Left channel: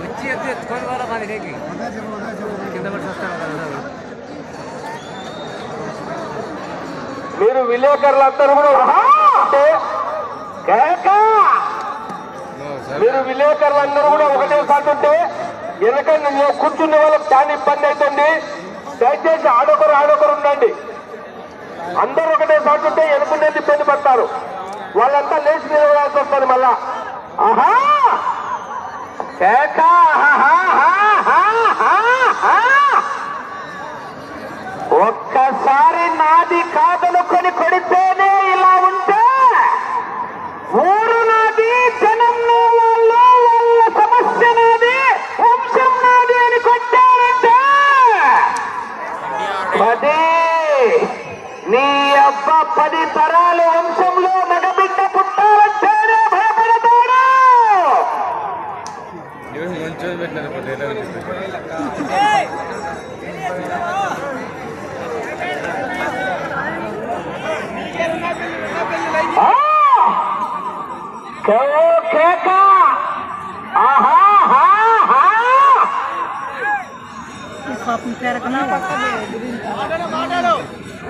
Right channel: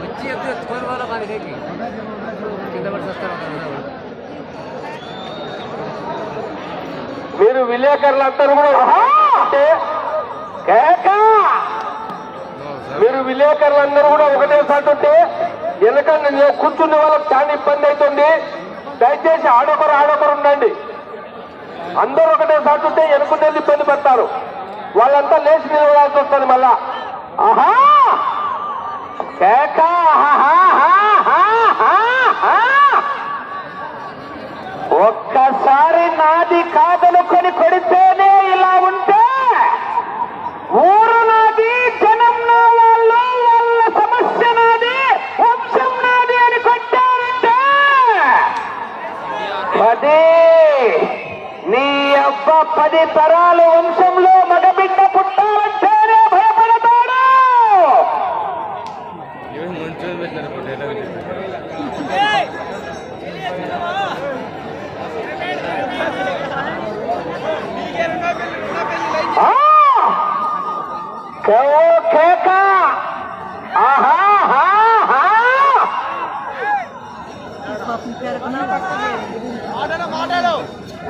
వచ్చి ఎత్తుకొని వాళ్ళ పది రేకి కింద పడి వస్తారు కదా. మీరు విలేకరులందరూ మీరు విలేకరులందరూ కూడా ఒకటే సాటుంటే ఎందుకంటే నేను కూర్చునే వాళ్ళకి చాలా ఇబ్బంది అవుతుంది. దయచేసి ఆడొకరు ఉండండి. అందరూ ఒకటే సాటుంటే ఎనుకుంటే ఇబ్బంది పడతారు. వాళ్ళంతా లేచి నిలబడాల్సి వస్తుంది మళ్ళా. ఆహా ఒక్కసారి నాది కాదనుకొని కొడితేనే ఇలా ఉంటే ఊరు నాది, జనం నా వాళ్ళు, వాళ్ళ సమస్య నాది, వంశం నాది అని కొట్టారంటే 10 తరాలు వంశంలో మగబిడ్డ పుట్టాలంటేనే భయపడతాడు.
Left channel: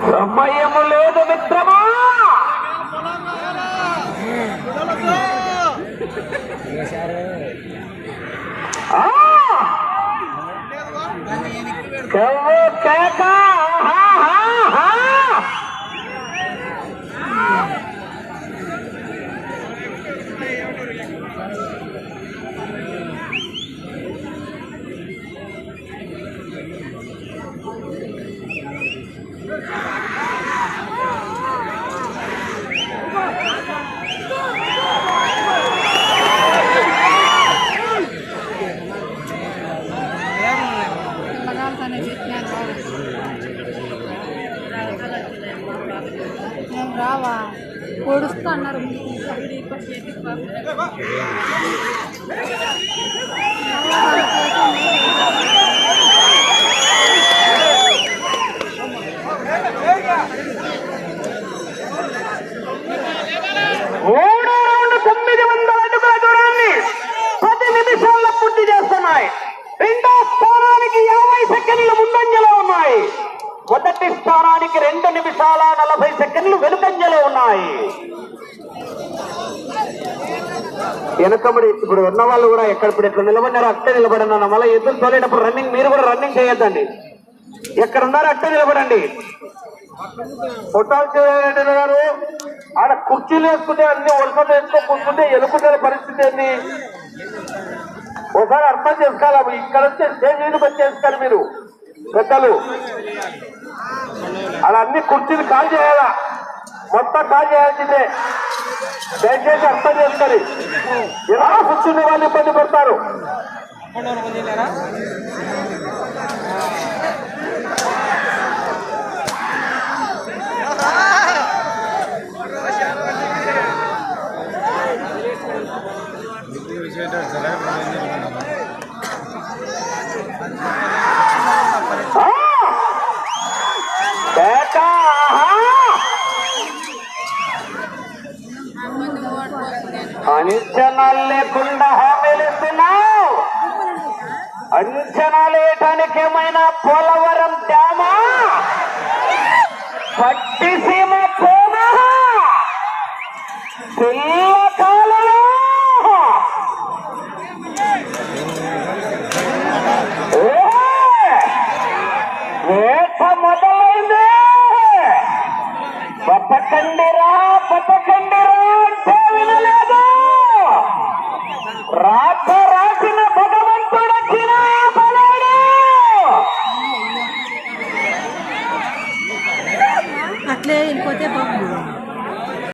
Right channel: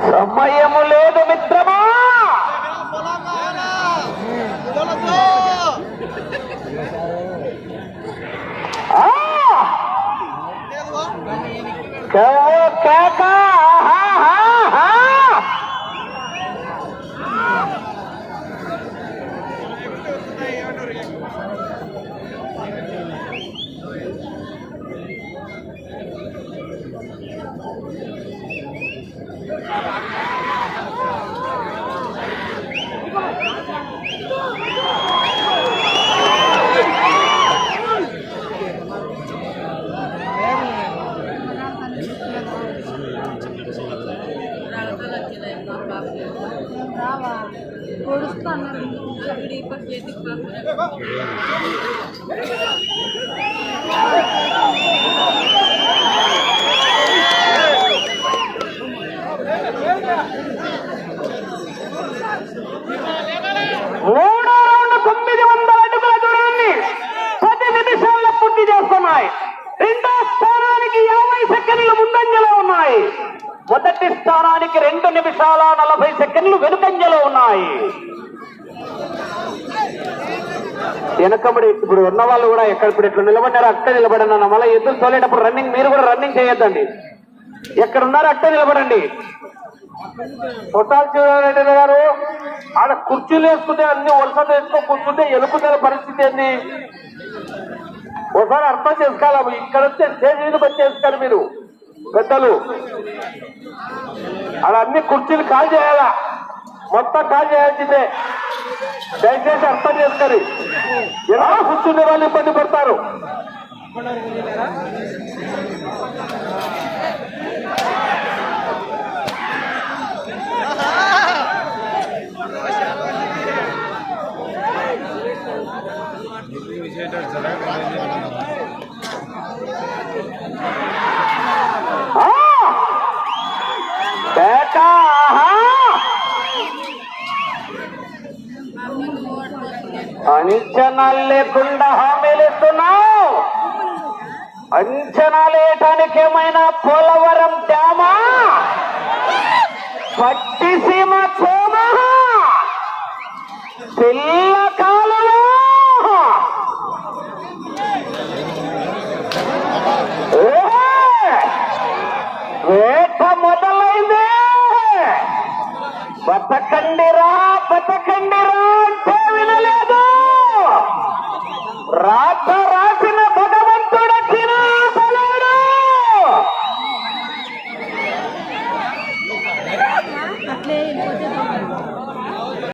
సమయము లేదు మిత్రమా. మూడో రౌండ్ 900 అడుగుల దూరాన్ని 10 నిమిషాల్లో పూర్తి చేస్తున్నాయి. రెండో స్థానానికి 50 సెకండ్లు ముందంజలో ఉన్నాయి. మొదటి స్థానానికి 2 నిమిషాల 40 సెకండ్లు వెనుకంజలో ఉన్నాయి. వెనకబడి ఇప్పుడు ఉన్న వాళ్ళు కూడా ఎక్కడ ఎట్లా నిలబడినారో అక్కడ నిలబడినా. మళ్ళీ ఎద్దులు తోలేటప్పుడు రన్నింగ్ మీరు కూడా రన్నింగ్ చేయొద్దండి. ఎక్కడ ఉన్నారో అక్కడ నిలబడండి. పొట్టాల రెడ్డి గారు ఆడ కుర్చీలు వేసుకుంటే అన్ని వలస వేసుకో కూర్చుంటే ఎలుపుతున్న పరిస్థితి ఏంది ఒకసారి అర్థం చేసుకోవాలి. ఇక్కడ వచ్చే స్టేజ్ మీద వచ్చేస్తారు మీరు పెద్దలు. అలా అన్ని కుర్చీలు కాల్ చేయాలా, మొత్తం కాల్ చేయాల్సిందే. దయచేసి అర్థం చేస్తారు. ఎలా కూర్చునే వాళ్ళు ఇబ్బంది పడతారు. అంచనాలు లేకుండా హామీలు ఇస్తున్నావు. అంచనాలు వేయటానికి ఏమైనా పోలవరం డ్యామా, పట్టిసీమ కోమ, పిల్లకాలు వేట మొదలైంది. బతకండిరా బతకండిరా అంటే వినలేదు. రాక